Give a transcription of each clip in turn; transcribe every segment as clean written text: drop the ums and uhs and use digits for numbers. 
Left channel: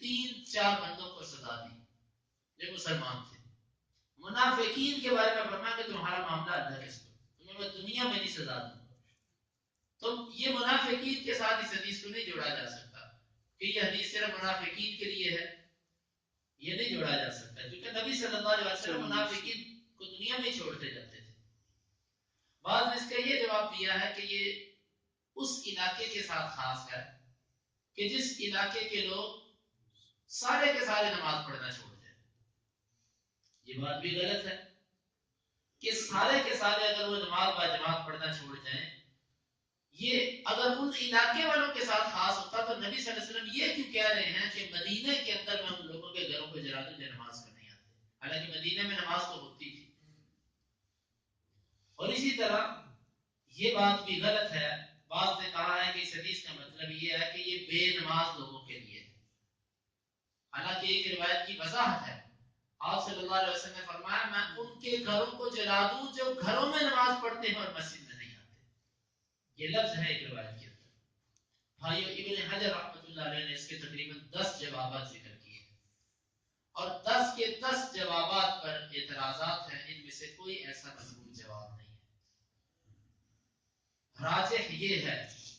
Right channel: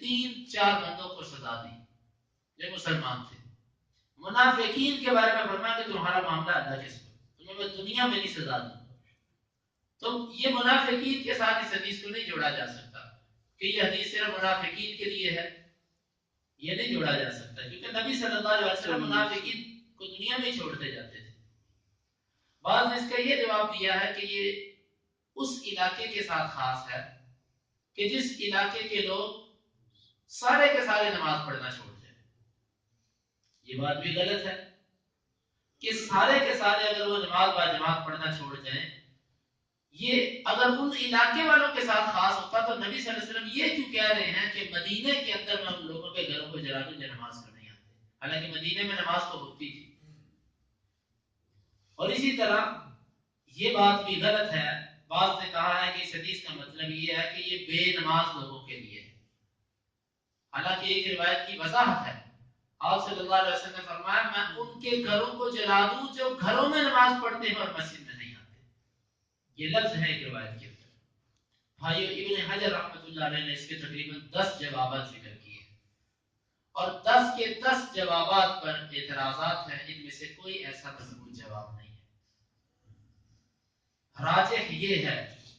3-4 بندوں کو سزا دی جو مسلمان تھے. منافقین کے بارے میں فرمایا کہ تمہارا معاملہ اللہ کے ساتھ، تمہیں میں دنیا میں نہیں سزا دوں گا. تو یہ منافقین کے ساتھ اس حدیث کو نہیں جوڑا جا سکتا کہ یہ حدیث صرف منافقین کے لیے ہے، یہ نہیں جوڑا جا سکتا کیونکہ نبی صلی اللہ علیہ وسلم منافقین کو دنیا میں چھوڑتے جاتے تھے. بعض نے اس کا یہ جواب دیا ہے کہ یہ اس علاقے کے ساتھ خاص ہے کہ جس علاقے کے لوگ سارے کے سارے نماز پڑھنا چھوڑ دیں. یہ بات بھی غلط ہے کہ سارے کے سارے اگر وہ نماز با جماعت پڑھنا چھوڑ جائیں. یہ اگر ان علاقے والوں کے ساتھ خاص ہوتا تو نبی صلی اللہ علیہ وسلم یہ کیوں کہہ رہے ہیں کہ مدینے کے اندر میں ان لوگوں کے گھروں کو جلا دوں جو نماز کو نہیں آتے، حالانکہ مدینے میں نماز تو ہوتی تھی. اور اسی طرح یہ بات بھی غلط ہے، بعض نے کہا ہے کہ اس حدیث کا مطلب یہ ہے کہ یہ بے نماز لوگوں کے لیے ہے، حالانکہ ایک روایت کی وضاحت ہے. آپ صلی اللہ علیہ وسلم نے فرمایا میں ان کے گھروں کو جلا دوں جو گھروں میں نماز پڑھتے ہیں اور مسجد میں نہیں آتے. یہ لفظ ہے ایک روایت کے اندر. بھائیو ابن حجر رحمۃ اللہ علیہ نے اس کے تقریباً 10 جوابات ذکر کیے ہیں اور 10 کے 10 جوابات پر اعتراضات ہیں، ان میں سے کوئی ایسا مضبوط جواب نہیں ہے. راجح یہ ہے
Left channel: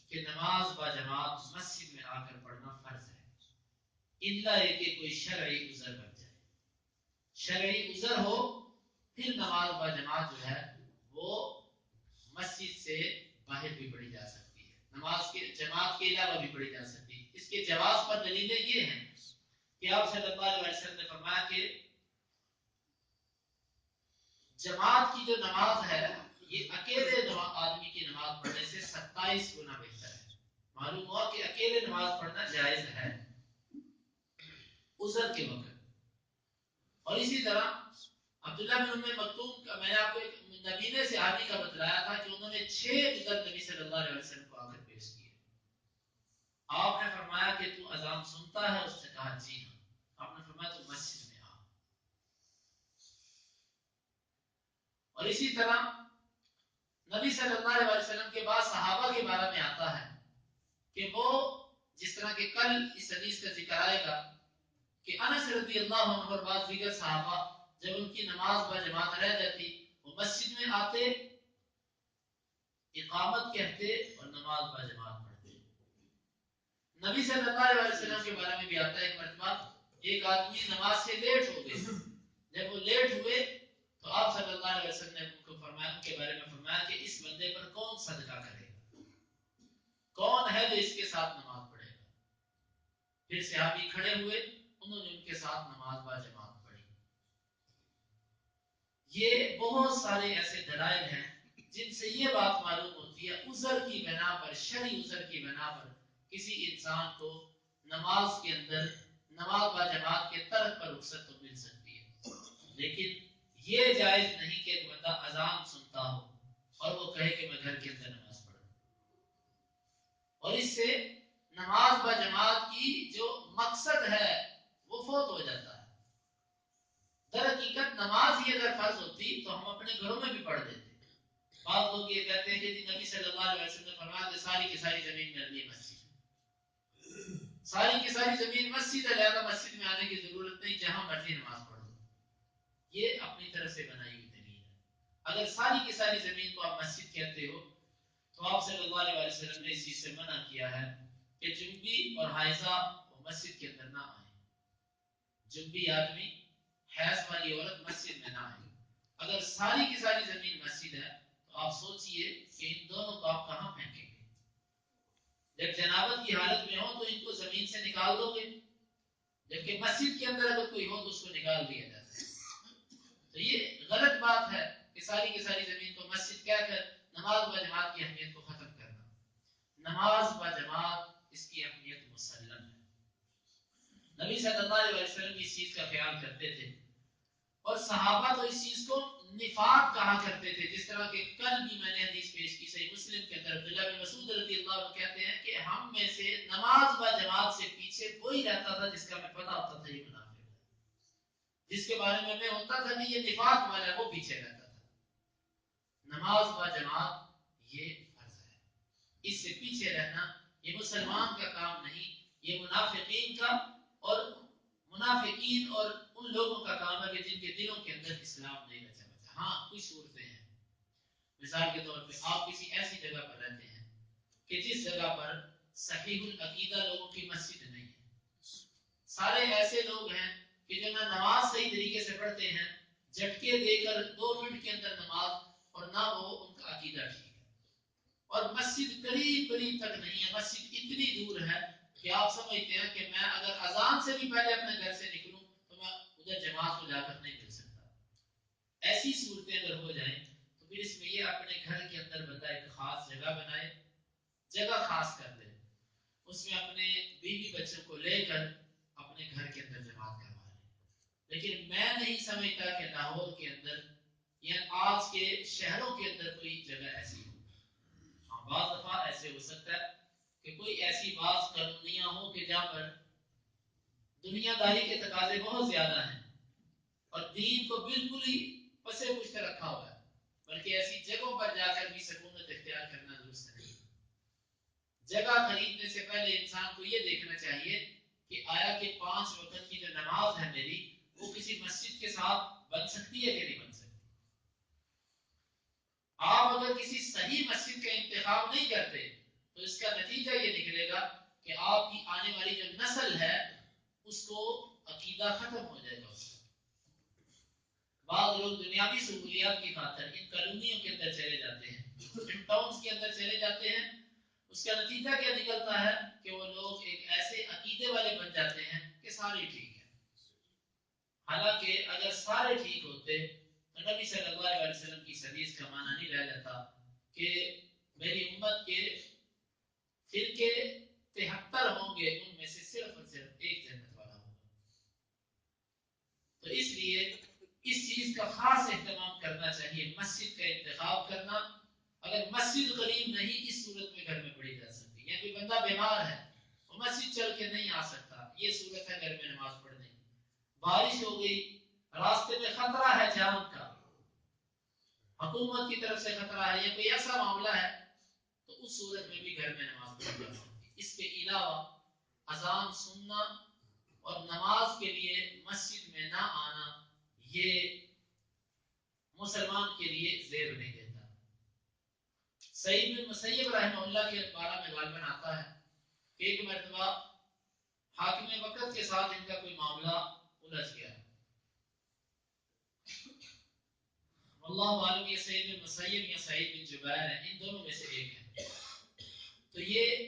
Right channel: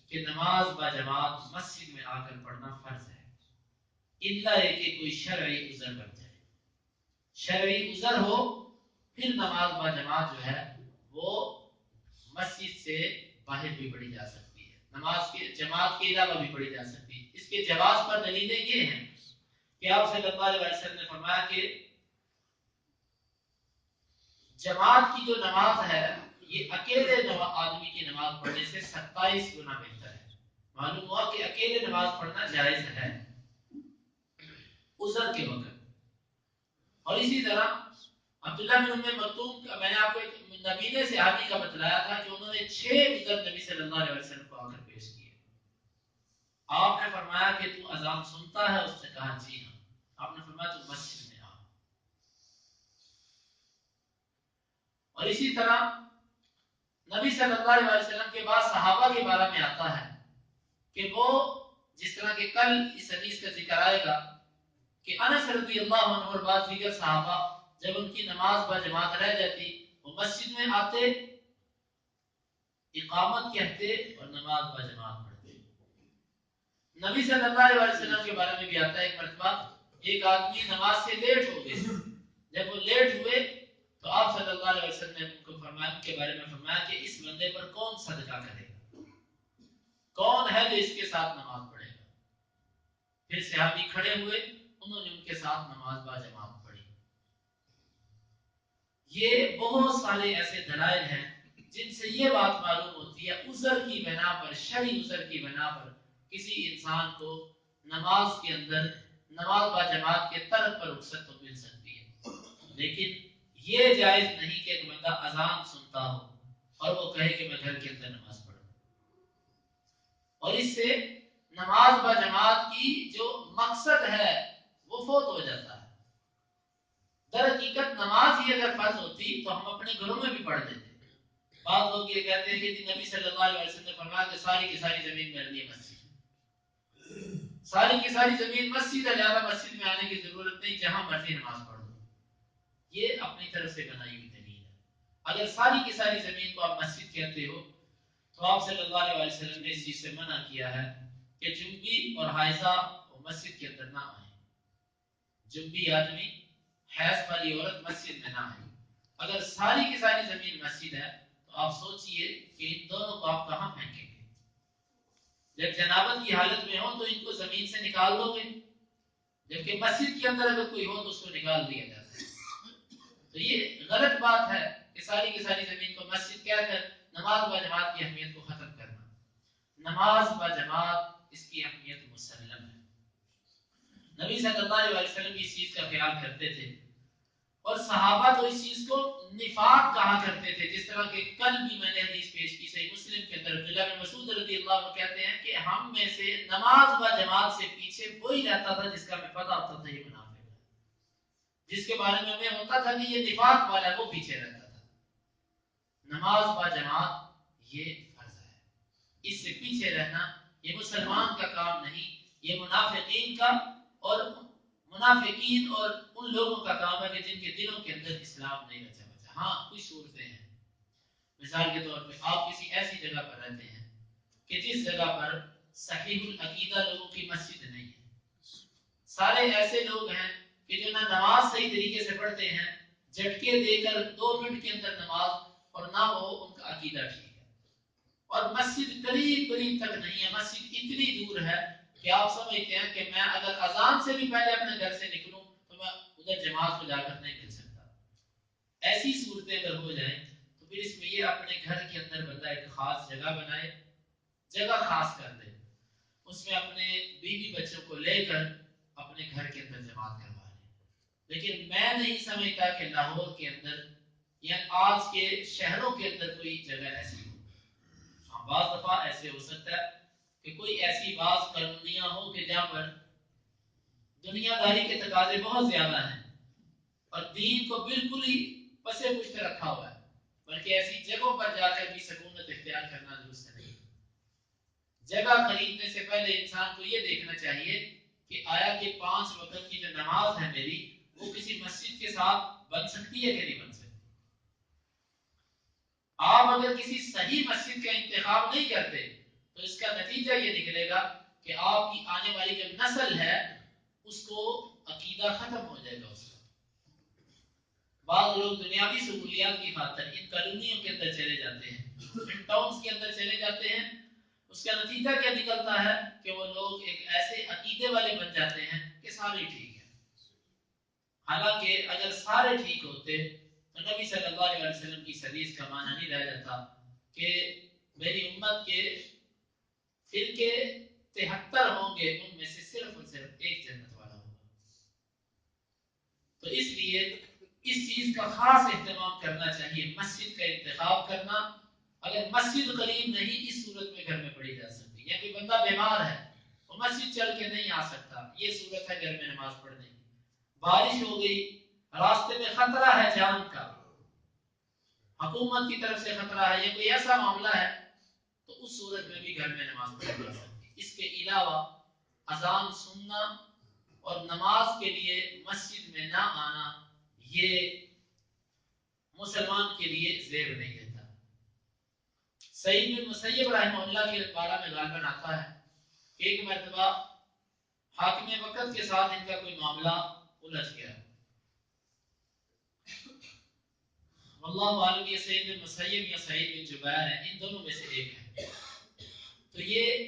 کہ نماز با جماعت مسجد میں آ کر پڑھنا فرض ہے، الا کہ کوئی شرعی عذر بن جائے. شرعی عذر ہو پھر نماز با جماعت جو ہے وہ مسجد سے باہر بھی پڑھی جا سکتی ہے، نماز کے جماعت کے علاوہ بھی پڑھی جا سکتی ہے. اس کے جواز پر دلیلیں یہ ہیں کہ آپ صلی اللہ علیہ وسلم نے فرمایا کہ جماعت کی جو نماز ہے یہ اکیلے آدمی کی نماز پڑھنے سے 27 گنا بہتر ہے. معلوم ہوا کہ اکیلے نماز پڑھنا جائز ہے عذر کے وقت. اور اسی طرح عبداللہ بن ام مکتوم کا میں نے آپ کو ایک نبینے صحابی کا بتلایا تھا کہ انہوں نے 6 عذر نبی صلی اللہ علیہ وسلم کو آ کر پیش کیے. آپ نے فرمایا کہ تو اذان سنتا ہے؟ اس نے کہا جی ہاں. آپ نے فرمایا تو مسجد میں آ. اور اسی طرح نبی صلی اللہ علیہ وسلم کے بعد صحابہ کے بارے میں آتا ہے کہ وہ جس طرح کہ کل اس حدیث کا ذکر آئے گا کہ انس رضی اللہ عنہ اور بعض دیگر صحابہ جب ان کی نماز با جماعت رہ جاتی وہ مسجد میں آتے، اقامت کہتے اور نماز با جماعت پڑھتے. نبی صلی اللہ علیہ وسلم کے بارے میں بھی آتا ہے ایک مرتبہ ایک آدمی نماز سے لیٹ ہو گئے. جب وہ لیٹ ہوئے تو آپ صلی اللہ علیہ وسلم نے ان کو فرمایا، ان کے بارے میں فرمایا کہ اس بندے پر کون صدقہ کرے گا، کون ہے جو اس کے ساتھ نماز پڑھے گا. پھر صحابی کھڑے ہوئے، انہوں نے ان کے ساتھ نماز با جماعت پڑھی. یہ بہت سارے ایسے دلائل ہیں جن سے یہ بات معلوم ہوتی ہے عذر کی بنا پر، شرعی عذر کی بنا پر کسی انسان کو نماز کے اندر نماز با جماعت کے ترک پر رخصت تو مل سکتی ہے. لیکن یہ جائز نہیں کہ ایک بندہ اذان سنتا ہو اور وہ کہے کہ میں گھر کے اندر نماز پڑھوں. اور اس سے نماز با جماعت کی جو مقصد ہے وہ فوت ہو جاتا ہے. در حقیقت نماز ہی اگر فرض ہوتی تو ہم اپنے گھروں میں بھی پڑھ دیتے. بعض لوگ یہ کہتے ہیں کہ نبی صلی اللہ علیہ وسلم نے فرمایا کہ ساری کی ساری زمین میں میری مسجد، ساری کی ساری زمین مسجد ہے، لہذا مسجد میں آنے کی ضرورت نہیں، جہاں مرضی نماز پڑھ دو. یہ اپنی طرف سے بنائی ہوئی دلیل ہے. اگر ساری کی ساری زمین کو آپ مسجد کہتے ہو تو آپ صلی اللہ علیہ وسلم نے اس چیز سے منع کیا ہے کہ جنبی اور حائضہ مسجد کے اندر نہ آئیں. جنبی آدمی، حیض والی عورت مسجد میں نہ آئے. اگر ساری کی ساری زمین مسجد ہے تو آپ سوچئے کہ ان دونوں کو آپ کہاں پھینکیں گے. جب جنابت کی حالت میں ہو تو ان کو زمین سے نکال دو گے، جبکہ مسجد کے اندر اگر کوئی ہو تو اس کو نکال دیا جاتا ہے. تو یہ غلط بات ہے کہ ساری کی ساری زمین کو مسجد کہہ کر نماز با جماعت کی اہمیت کو ختم کرنا. نماز با جماعت اس کی اہمیت مسلم ہے. نبی صلی اللہ علیہ وسلم اس چیز کا خیال کرتے تھے اور صحابہ تو اس چیز کو نفاق کہا کرتے تھے. جس طرح کہ کل بھی میں نے حدیث پیش کی صحیح مسلم کے اندر عبداللہ بن مسعود رضی اللہ عنہ کہتے ہیں کہ ہم میں سے نماز با جماعت سے پیچھے وہی رہتا تھا جس کا ہمیں پتہ ہوتا تھا یہ منافق ہے، جس کے بارے میں ہمیں ہوتا تھا کہ یہ نفاق والا ہے، وہ پیچھے رہتا تھا. نماز با جماعت یہ فرض ہے، اس سے پیچھے رہنا یہ مسلمان کا کام نہیں، یہ منافقین کا اور منافقین اور ان لوگوں کا کام ہے کہ جن کے دلوں کے اندر اسلام نہیں رچا بچا۔ ہاں کچھ صورتیں ہیں، مثال کے طور پہ آپ کسی ایسی جگہ پر رہتے ہیں کہ جس جگہ پر صحیح العقیدہ لوگوں کی مسجد نہیں ہے، سارے ایسے لوگ ہیں کہ جو نہ نماز صحیح طریقے سے پڑھتے ہیں، جھٹکے دے کر 2 منٹ کے اندر نماز، اور نہ وہ ان کا عقیدہ ٹھیک ہے، اور مسجد قریب قریب تک نہیں ہے، مسجد اتنی دور ہے کہ آپ سمجھتے ہیں کہ میں اگر اذان سے بھی پہلے اپنے گھر سے نکلوں تو میں ادھر جماعت کو جا کر نہیں مل سکتا۔ ایسی صورتیں اگر ہو جائیں تو پھر اس میں یہ اپنے گھر کے اندر بندہ ایک خاص جگہ بنائے، جگہ خاص کر دے، اس میں اپنے بیوی بچوں کو لے کر اپنے گھر کے اندر جماعت کروا لے۔ لیکن میں نہیں سمجھتا کہ لاہور کے اندر یا آج کے شہروں کے اندر کوئی جگہ ایسی ہو۔ ہاں بعض دفعہ ایسے ہو سکتا ہے کہ کوئی ایسی بعض کالونیاں ہو کہ جہاں پر دنیا داری کے تقاضے بہت زیادہ ہیں اور دین کو بالکل ہی پسے پشت رکھا ہوا ہے، بلکہ ایسی جگہوں پر جا کر بھی سکونت اختیار کرنا درست نہیں۔ جگہ خریدنے سے پہلے انسان کو یہ دیکھنا چاہیے کہ آیا کہ 5 وقت کی جو نماز ہے میری وہ کسی مسجد کے ساتھ بن سکتی ہے کہ نہیں بن سکتی۔ آپ اگر کسی صحیح مسجد کا انتخاب نہیں کرتے تو اس کا نتیجہ یہ نکلے گا کہ آپ کی آنے والی جو نسل ہے اس کو عقیدہ ختم ہو جائے گا۔ اس کا بعض لوگ دنیاوی سہولیات کی خاطر ان کالونیوں کے اندر چلے جاتے ہیں، ان ٹاؤنز کے اندر چلے جاتے ہیں، اس کا نتیجہ کیا نکلتا ہے کہ وہ لوگ ایک ایسے عقیدے والے بن جاتے ہیں کہ سارے ٹھیک ہیں، حالانکہ اگر سارے ٹھیک ہوتے تو نبی صلی اللہ علیہ وسلم کی حدیث کا معنی نہیں رہ جاتا کہ میری امت کے فرقے 73 ہوں گے، ان میں سے صرف اور صرف ایک جنت والا ہوگا۔ تو اس لیے اس چیز کا خاص اہتمام کرنا چاہیے، مسجد کا انتخاب کرنا۔ اگر مسجد قریب نہیں، اس صورت میں گھر میں پڑھی جا سکتی ہے، یا کوئی بندہ بیمار ہے وہ مسجد چل کے نہیں آ سکتا، یہ صورت ہے گھر میں نماز پڑھنے کی۔ بارش ہو گئی، راستے میں خطرہ ہے جان کا، حکومت کی طرف سے خطرہ ہے یا کوئی ایسا معاملہ ہے، تو اس صورت میں بھی گھر میں نماز پڑھی جا سکتی۔ اس کے علاوہ اذان سننا اور نماز کے لیے مسجد میں نہ آنا یہ مسلمان کے لیے زیب نہیں دیتا۔ سعید بن مسیب رحمہ اللہ کے بارے میں غالباً آتا ہے کہ ایک مرتبہ حاکم وقت کے ساتھ ان کا کوئی معاملہ الجھ گیا، واللہ عالم یہ سعید بن مسیب یا سعید بن جبیر ہیں، ان دونوں میں سے ایک ہے۔ تو یہ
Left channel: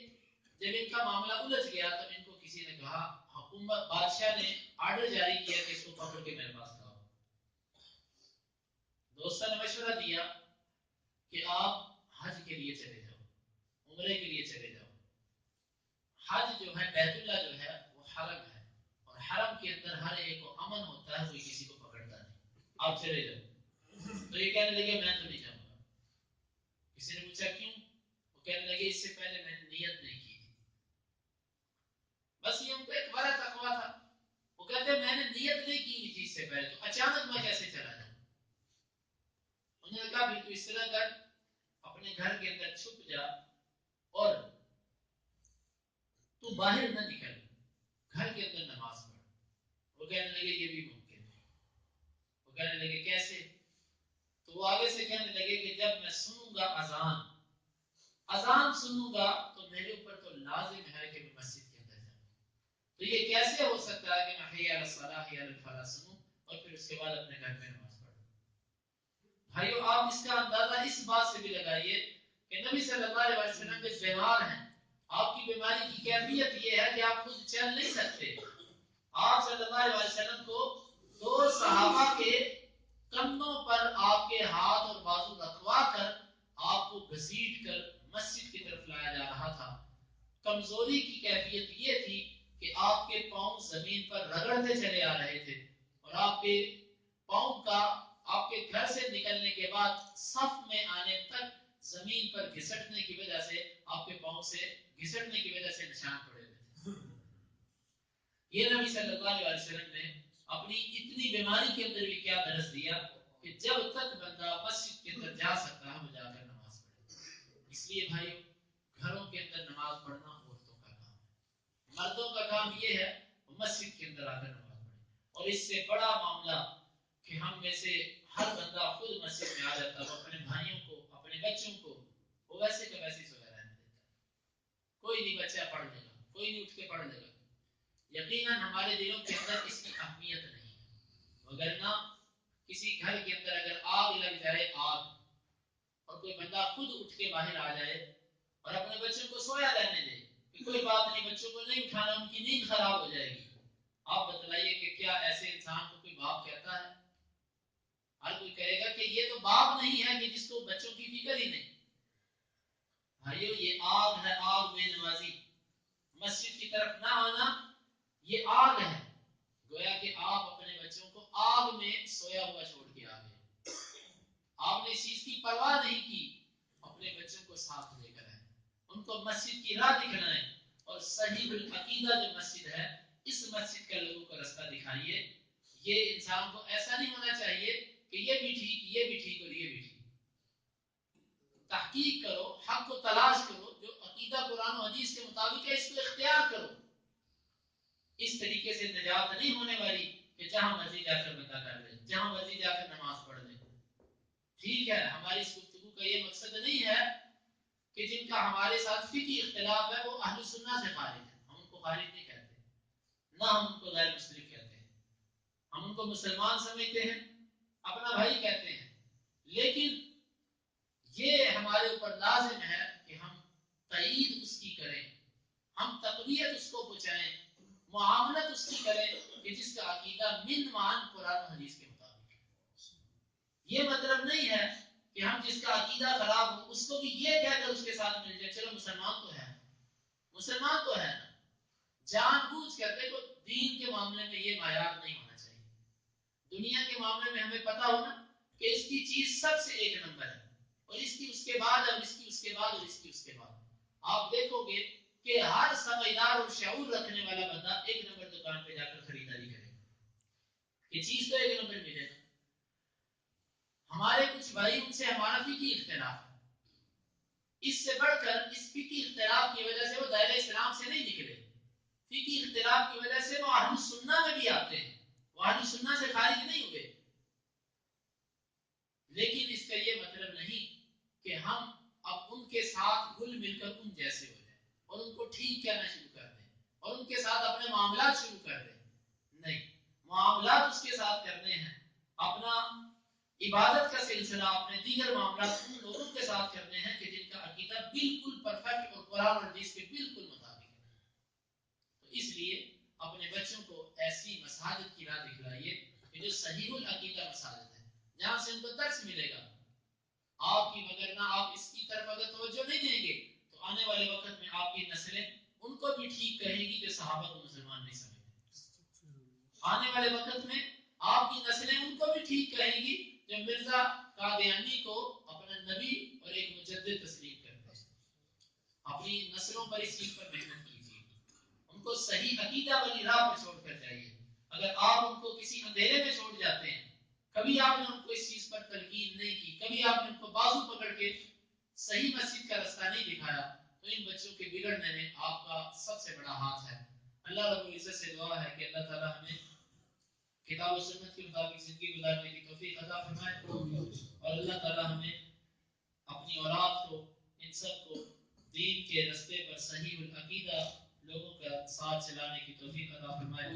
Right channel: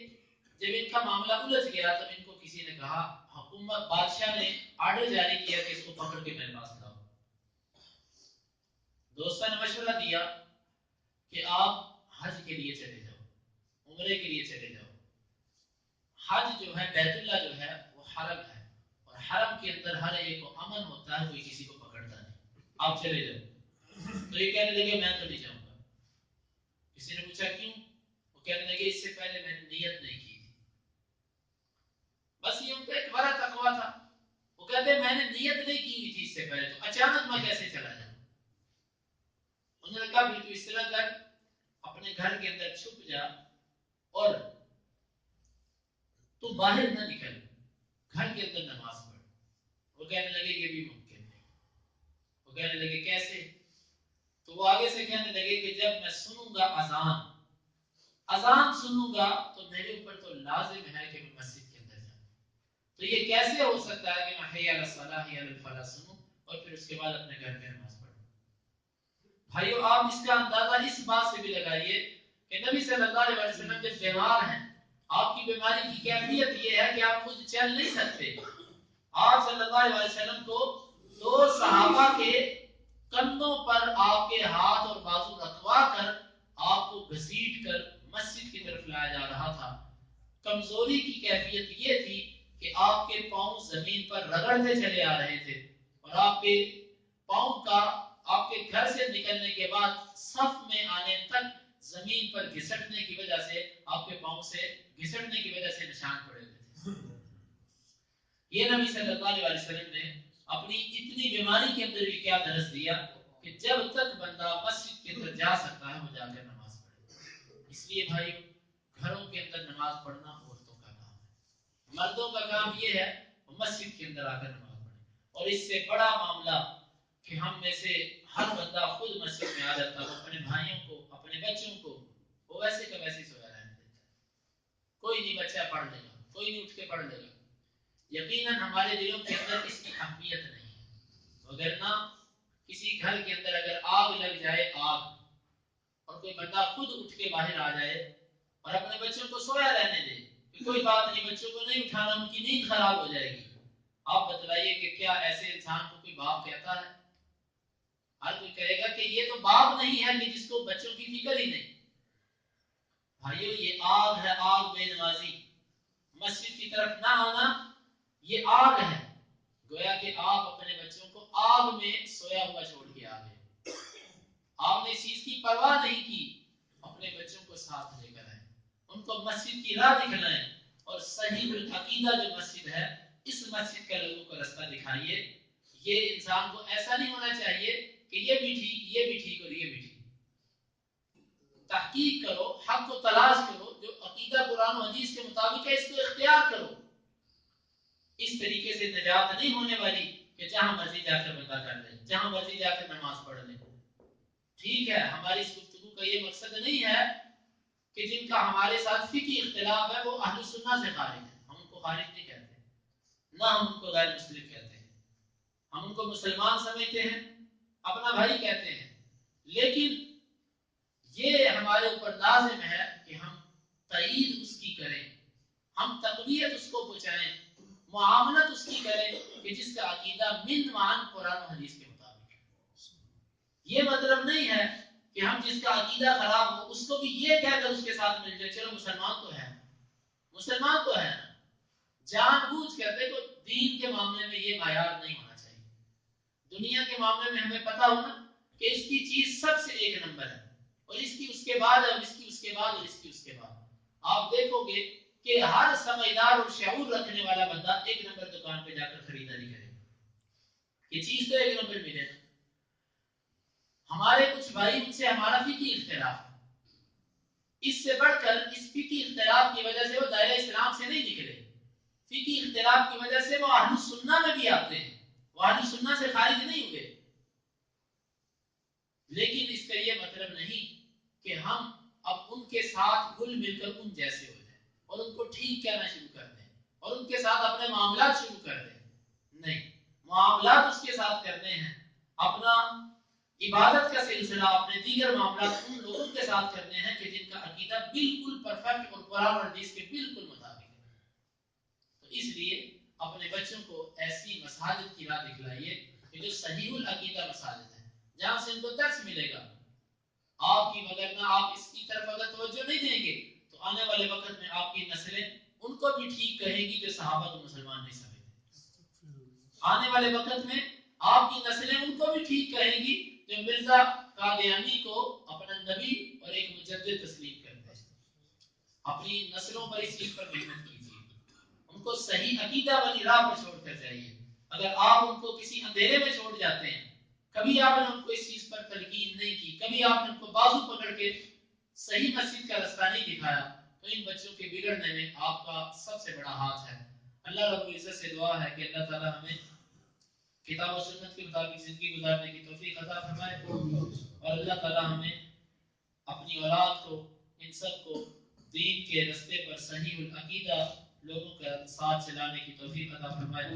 جب ان کا معاملہ الجھ گیا تو ان کو کسی نے کہا، حکومت بادشاہ نے آرڈر جاری کیا کہ اس کو پکڑ کے میرے پاس لاؤ۔ دوستوں نے مشورہ دیا کہ آپ حج کے لیے چلے جاؤ، عمرے کے لیے چلے جاؤ۔ حج جو ہے بیت اللہ جو ہے وہ حرم ہے، اور حرم کے اندر ہر ایک کو امن ہوتا ہے، کوئی کسی کو پکڑتا نہیں، آپ چلے جاؤ۔ تو یہ کہنے لگے میں تو نہیں جاؤں گا۔ کسی نے پوچھا کیوں؟ وہ کہنے لگے اس سے پہلے میں نے نیت نہیں کی تھی۔ بس یہ ان کا ایک بڑا تقویٰ تھا، وہ کہتے میں نے نیت نہیں کی ہوئی تھی اس سے پہلے، تو اچانک میں کیسے چلا جاؤں؟ انہوں نے کہا پھر تو اس طرح کر، اپنے گھر کے اندر چھپ جا اور تو باہر نہ نکل، گھر کے اندر نماز پڑھ۔ وہ کہنے لگے یہ بھی ممکن ہے۔ وہ کہنے لگے کیسے؟ تو وہ آگے سے کہنے لگے کہ جب میں سنوں گا اذان سنوں گا تو میرے اوپر تو لازم ہے کہ میں مسجد کے اندر جاؤں۔ تو یہ کیسے ہو سکتا ہے کہ میں حی علی الصلاۃ حی علی الفلاح سنوں اور پھر اس کے بعد اپنے گھر میں نماز پڑھوں؟ بھائیو آپ اس کا اندازہ اس بات سے بھی لگائیے کہ نبی صلی اللہ علیہ وسلم جب بیمار ہیں، آپ کی بیماری کی کیفیت یہ ہے کہ آپ خود چل نہیں سکتے، آپ صلی اللہ علیہ وسلم کو 2 صحابہ کے کندھوں پر آپ کے ہاتھ اور بازو رکھوا کر آپ کو گھسیٹ کر مسجد کی طرف لایا جا رہا تھا۔ کمزوری کی کیفیت یہ تھی کہ آپ کے پاؤں زمین پر رگڑتے چلے آ رہے تھے، اور آپ کے پاؤں کا آپ کے گھر سے نکلنے کے بعد صف میں آنے تک زمین پر گھسٹنے کی وجہ سے آپ کے پاؤں سے گھسٹنے کی وجہ سے نشان پڑے ہوئے تھے۔ یہ نبی صلی اللہ علیہ وسلم نے اپنی اتنی بیماری کے اندر بھی کیا درس دیا کہ جب تک بندہ مسجد کے اندر جا سکتا ہے وہ جا کر نماز پڑھے۔ اس لیے بھائی گھروں کے اندر نماز پڑھنا عورتوں کا کام ہے، مردوں کا کام یہ ہے وہ مسجد کے اندر آ کر نماز پڑھے. اور اس سے بڑا معاملہ کہ ہم میں سے ہر بندہ خود مسجد میں آ جاتا ہے، اپنے بھائیوں کو اپنے بچوں کو وہ ویسے کا ویسے سویا رہنے دیتا ہے. کوئی نہیں بچہ پڑھ لے گا، کوئی نہیں اٹھ کے پڑھ لے گا. یقیناً ہمارے دلوں کے اندر اس کی اہمیت نہیں ہے، وگرنہ کسی گھر کے اندر اگر آگ لگ جائے، آگ، اور کوئی بندہ خود اٹھ کے باہر آ جائے اور اپنے بچوں کو سویا رہنے دے کہ کوئی بات نہیں، بچوں کو نہیں اٹھانا، ان کی نیند خراب ہو جائے گی. آپ بتلائیے کہ کیا ایسے انسان کو کوئی باپ کہتا ہے؟ ہر کوئی کہے گا کہ یہ تو باپ نہیں ہے کہ جس کو بچوں کی فکر ہی نہیں. بھائیو، یہ آگ ہے، آگ بے نمازی. مسجد کی طرف نہ آنا یہ آگ ہے. گویا کہ آپ اپنے بچوں کو آگ میں سویا ہوا چھوڑ کے آ گئے. آپ نے اس چیز کی پرواہ نہیں کی. اپنے بچوں کو ساتھ لے کر آئیں، ان کو مسجد کی راہ دکھلائیں، اور صحیح العقیدہ جو مسجد ہے اس مسجد کا لوگوں کو رستہ دکھائیے. یہ انسان کو ایسا نہیں ہونا چاہیے کہ یہ بھی ٹھیک، یہ بھی ٹھیک اور یہ بھی ٹھیک. تحقیق کرو، حق کو تلاش کرو، جو عقیدہ قرآن و حدیث کے مطابق ہے اس کو اختیار کرو. اس طریقے سے نجات نہیں ہونے والی کہ جہاں مرضی جا کر بندہ کر لے، جہاں مرضی جا کر نماز پڑھ لے. ٹھیک ہے، ہماری اس گفتگو کا یہ مقصد نہیں ہے کہ جن کا ہمارے ساتھ فقہی اختلاف ہے وہ اہل سنت سے خارج ہیں. ہم ان کو خارج نہیں کہتے، نہ ہم ان کو غیر مسلم کہتے ہیں. ہم ان کو مسلمان سمجھتے ہیں، اپنا بھائی کہتے ہیں. لیکن یہ ہمارے اوپر لازم ہے کہ ہم تائید اس کی کریں، ہم تقویت اس کو پہنچائیں، معاملت اس کی کریں کہ جس کا عقیدہ من مان قرآن و حدیث کے مطابق ہے. یہ مطلب نہیں ہے کہ ہم جس کا عقیدہ خراب ہو اس کو بھی یہ کہہ کر اس کے ساتھ مل جائے چلو مسلمان تو ہے، مسلمان تو ہے نا. جان بوجھ کر دیکھو، دین کے معاملے میں یہ معیار نہیں ہونا چاہیے. دنیا کے معاملے میں ہمیں پتا ہونا کہ اس کی چیز سب سے ایک نمبر ہے، اور اس کی اس کے بعد، اور اس کی اس کے بعد، اور اس کی اس کے بعد. آپ دیکھو گے کہ ہر سمجھدار اور شعور رکھنے والا بندہ ایک نمبر دکان پہ جا کر خریداری کرے گا. یہ چیز تو ایک نمبر ملے گا. ہمارے کچھ بھائی، ان سے ہمارا فقہی اختلاف ہے. اس سے بڑھ کر اس فقہی اختلاف کی وجہ سے وہ دائرہ اسلام سے نہیں نکلے. فقہی اختلاف کی وجہ سے وہ اہل سنہ میں بھی آتے ہیں، وہ اہل سنہ سے خارج نہیں ہوئے. لیکن اس کا یہ مطلب نہیں کہ ہم اب ان کے ساتھ گل مل کر ان جیسے ہو جائیں اور ان کو ٹھیک کہنا شروع کر دیں اور ان کے ساتھ اپنے معاملات شروع کر دیں. نہیں، معاملات اس کے ساتھ کرنے ہیں. اپنا عبادت کا سلسلہ، اپنے دیگر معاملات ان لوگوں کے ساتھ کرنے ہیں کہ جن کا عقیدہ بالکل پرفیکٹ اور قرآن اور حدیث کے بالکل مطابق ہے. تو اس لیے اپنے بچوں کو ایسی مساجد کی راہ دکھلائیے کہ جو صحیح العقیدہ مساجد ہے، جہاں سے ان کو درس ملے گا. آپ کی وگرنہ آپ اس کی طرف اگر توجہ نہیں دیں گے تو آنے والے وقت میں آپ کی نسلیں ان کو بھی ٹھیک کہیں گی جو صحابہ کو مسلمان نہیں سمجھتے. آنے والے وقت میں آپ کی نسلیں ان کو بھی ٹھیک کہیں گی جو مرزا قادیانی کو اپنا نبی اور ایک مجدد تسلیم کرتے ہیں. اپنی نسلوں پر اس چیز پر محنت کیجیے، ان کو صحیح عقیدہ والی راہ پر چھوڑ کر جائیے. اگر آپ ان کو کسی اندھیرے میں چھوڑ جاتے ہیں، کبھی آپ نے ان کو اس چیز پر تلقین نہیں کی، کبھی آپ نے ان کو بازو پکڑ کے صحیح مسجد کا رستہ نہیں دکھایا، تو ان بچوں کے بگڑنے میں آپ کا سب سے بڑا ہاتھ ہے. اللہ رب العزت سے دعا ہے کہ اللہ تعالی ہمیں کتاب و سنت کے مطابق زندگی گزارنے کی توفیق عطا فرمائے، اور اللہ تعالی ہمیں اپنی اولاد کو، ان سب کو دین کے رستے پر صحیح العقیدہ لوگوں کا ساتھ چلانے کی توفیق عطا فرمائے.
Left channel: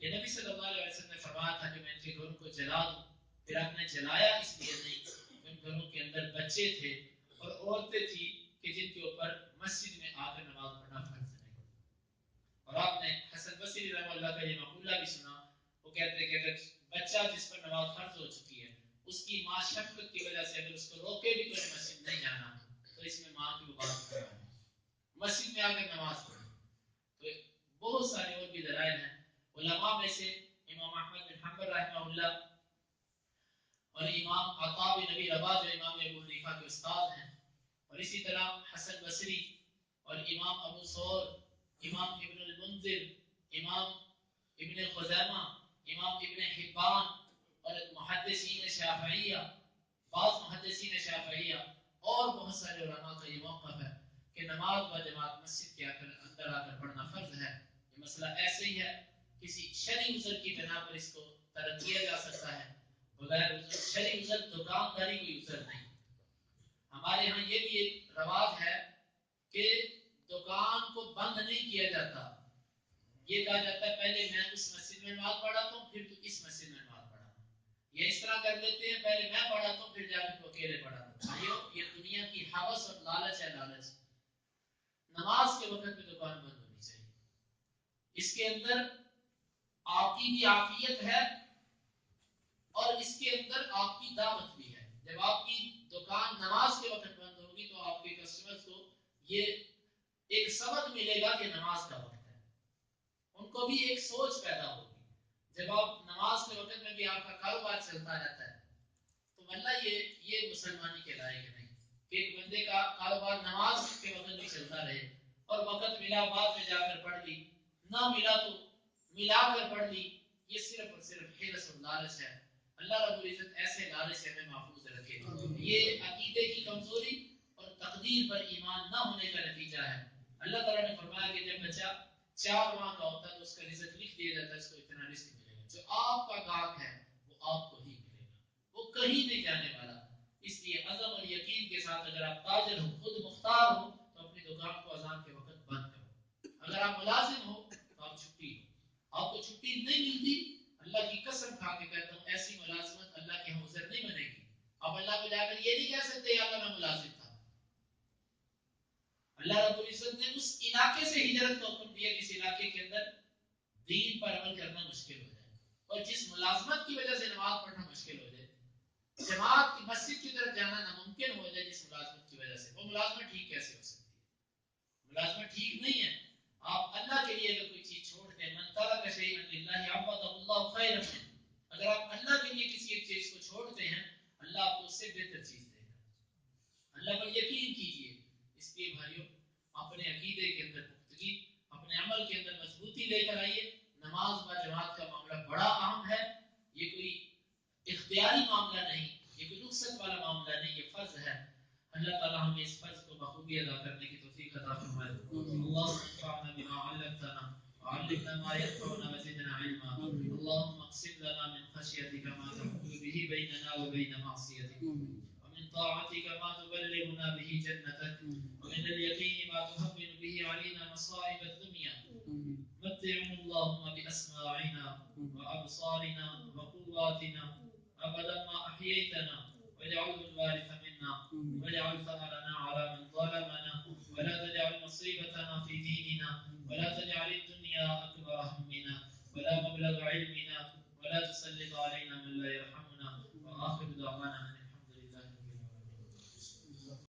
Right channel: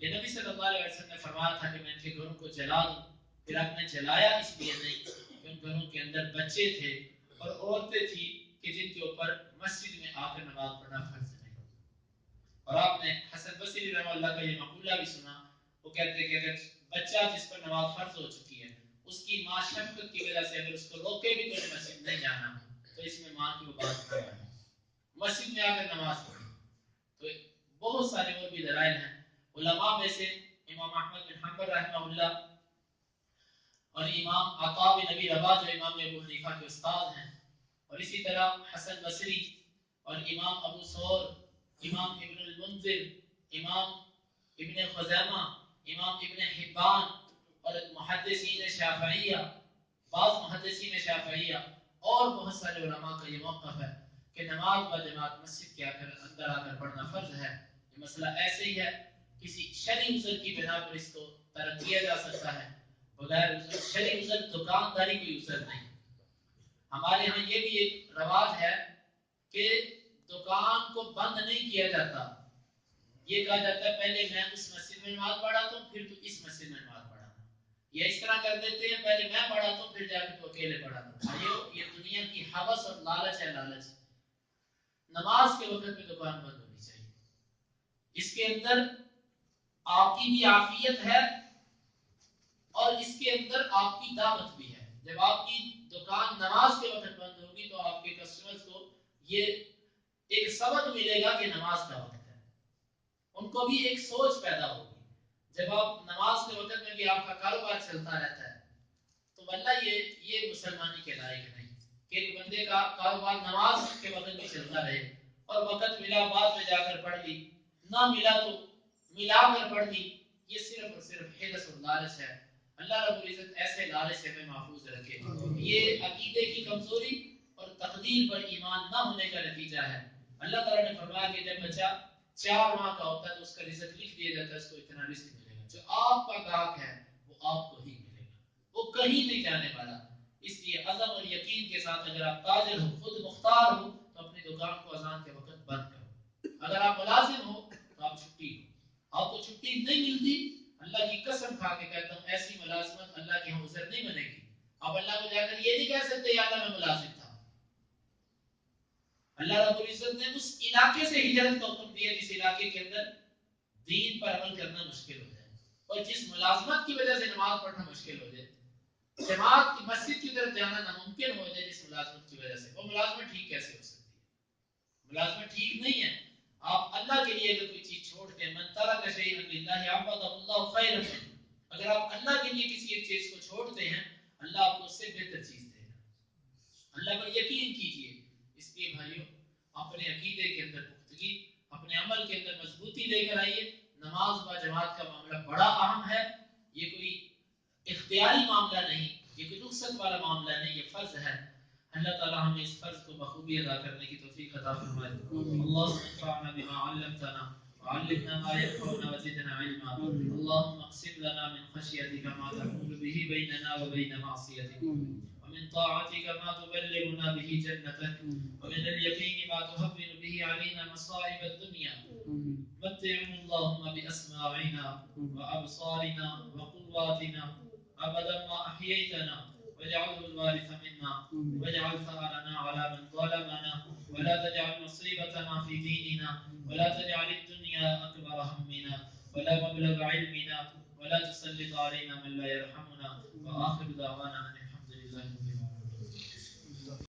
یہ نبی صلی اللہ علیہ وسلم نے فرمایا تھا کہ میں ان کے گھروں کو جلا دوں. پھر آپ نے جلایا اس لیے نہیں کہ ان گھروں کے اندر بچے تھے اور عورتیں تھیں کہ جن کے اوپر مسجد میں آ کر نماز پڑھنا فرض نہیں. اور آپ نے حسن بصری رحمہ اللہ کا یہ مقولہ بھی سنا. وہ کہتے ہیں کہ اگر بچہ جس پر نماز فرض ہو چکی ہے اس کی ماں شفقت کی وجہ سے اگر اس کو روکے بھی تو مسجد نہیں جانا، تو اس میں ماں کی وہ بات نہ مانے، مسجد میں آ کر نماز پڑھے. تو بہت سارے اور بھی دلائل ہیں. علماء میں سے امام احمد بن حنبل رحمہ اللہ اور امام عطا بن نبی رباح جو امام ابو حنیفہ کے استاد ہیں، اور اسی طرح حسن بصری اور امام ابو ثور، امام ابن المنذر، امام ابن خزیمہ، امام ابن حبان اور محدثین شافعیہ، بعض محدثین شافعیہ اور بہت سارے علماء کا یہ موقف ہے کہ نماز با جماعت مسجد کے اندر آ کر پڑھنا فرض ہے. یہ مسئلہ ایسے ہی ہے کسی شرعی عذر کی بنا پر اس کو ترک کیا جا سکتا ہے، بغیر عذر شرعی عذر دکانداری کوئی عذر نہیں۔ ہمارے ہاں یہ بھی ایک رواج ہے کہ دکان کو بند نہیں کیا جاتا، یہ کہا جاتا ہے پہلے میں اس مسجد میں نماز پڑھاتا ہوں پھر تو اس مسجد میں نماز پڑھانا، یا اس طرح کر دیتے ہیں پہلے میں پڑھاتا ہوں پھر جا کے تو اکیلے پڑھاتا ہوں۔ بھائیو یہ دنیا کی ہوس اور لالچ ہے، لالچ۔ نماز کے وقت پہ دکان بند ہونی چاہیے، اس کے اندر آپ کی بھی عافیت ہے اور اس کے اندر آپ کی دعوت بھی ہے۔ جب آپ کی دکان نماز کے وقت بند ہوگی تو آپ کے کسٹمرز کو یہ ایک سبق ملے گا کہ نماز کا وقت ہے، ان کو بھی ایک سوچ پیدا ہوگی۔ جب آپ نماز کے وقت میں بھی آپ کا کاروبار چلتا رہتا ہے تو واللہ یہ مسلمانی کے لائق نہیں کہ ایک بندے کا کاروبار نماز کے وقت بھی چلتا رہے اور وقت ملا بعد میں جا کر پڑھ لی، نہ ملا تو ملا کر پڑھ لی۔ یہ صرف اور صرف حرص اور لالچ ہے۔ اللہ رب العزت ایسے لالچ سے ہمیں محفوظ رکھے۔ یہ عقیدے کی کمزوری اور تقدیر پر ایمان نہ ہونے کا نتیجہ ہے۔ اللہ تعالیٰ نے فرمایا کہ جب بچہ 4 ماہ کا ہوتا ہے تو اس کا رزق لکھ دیا جاتا ہے، اس کو اتنا رزق ملے گا۔ جو آپ کا گاہک ہے وہ آپ کو ہی ملے گا، وہ کہیں نہیں جانے والا۔ اس لیے عزم اور یقین کے ساتھ اگر آپ تاجر ہو، خود مختار ہو، تو اپنی دکان کو اذان کے وقت بند کرو۔ اگر آپ ملازم ہو تو آپ چھٹی لو۔ آپ کو چھٹی نہیں ملتی، اللہ کی قسم کھا کے کہتا ہوں ایسی ملازمت اللہ کے یہاں عذر نہیں بنے گی۔ آپ اللہ کو جا کر یہ نہیں کہہ سکتے یا اللہ میں ملازم تھا۔ اللہ رب العزت نے اس علاقے سے ہجرت کا حکم دیا جس علاقے کے اندر دین پر عمل کرنا مشکل ہو جائے اور جس ملازمت کی وجہ سے نماز پڑھنا مشکل ہو جائے، جماعت کی مسجد کی طرف جانا ناممکن ہو جائے جس ملازمت کی وجہ سے، وہ ملازمت ٹھیک کیسے ہو سکتی ہے؟ ملازمت ٹھیک نہیں ہے۔ آپ اللہ کے لیے اگر کوئی چیز چھوڑتے ہیں، من ترک شیئا للہ عوضہ اللہ خیرا منہ، اگر آپ اللہ کے لیے کسی ایک چیز کو چھوڑتے ہیں اللہ آپ کو اس سے بہتر چیز دے گا۔ اللہ پر یقین کیجئے۔ اس لیے بھائیو اپنے عقیدے کے اندر پختگی، اپنے عمل کے اندر مضبوطی لے کر آئیے۔ نماز با جماعت کا معاملہ بڑا اہم ہے، یہ کوئی اختیاری معاملہ نہیں، یہ کوئی رخصت والا معاملہ نہیں، یہ فرض ہے۔ اللہ تعالی ہمیں اس فرض کو بخوبی ادا کرنے کی توفیق عطا فرمائے۔ اللهم انفعنا بما علمتنا وعلمنا ما ينفعنا وزدنا علما۔ اللهم اقسم لنا من خشيتك ما تحول به بيننا وبين معصيتك، ومن طاعتك ما تبلغنا به جنتك، ومن اليقين ما تهون به علينا مصائب الدنيا، متعنا اللهم بأسماعنا وأبصارنا وقواتنا أبدا ما أحييتنا، واجعله الوارث منا، واجعل ثأرنا على من ظلمنا، ولا تجعل مصيبتنا في ديننا، ولا تجعل الدنيا أكبر همنا ولا مبلغ علمنا، ولا تسلط علينا من لا يرحمنا